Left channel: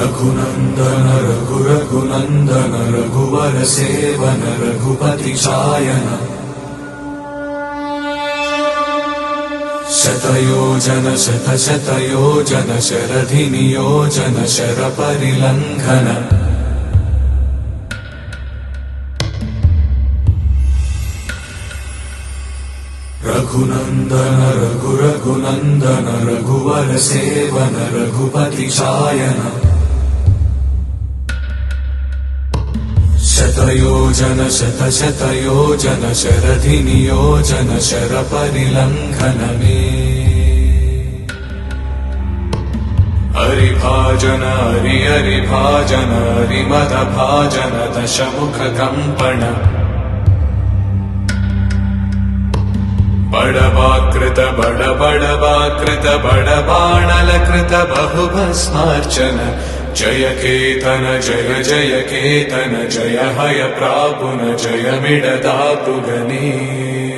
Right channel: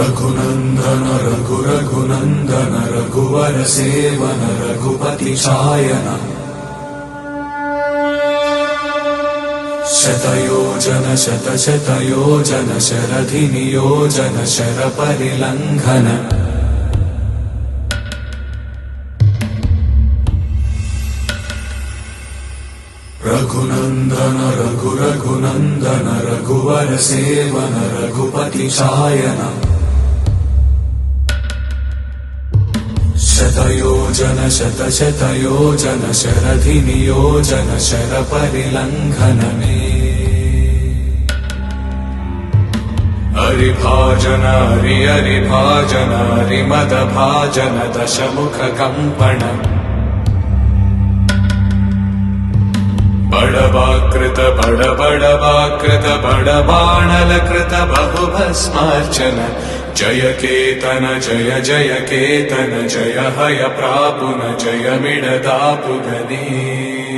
रघुनन्दन रघुरघुनन्दन रघुवर seven Raghupati Shayan शतयोजन शतशतयोजन शरधि नियोजन शरपरिलङ्घन रघुनन्दन रघुरघुनन्दन रघुवर seven Raghupati Shayan शतयोजन शतशतयोजन शरधि नियोजन शरपरिलङ्घन हरिभाजन हरिभाजन हरिमदभाजन दशमुख कंपन बड़वाकृत बड़वाकृत बड़बाणलकृत बहुभस्मार्चन जय केतन जय जय केतन जय हय प्रापुन जय मिडदापुगने।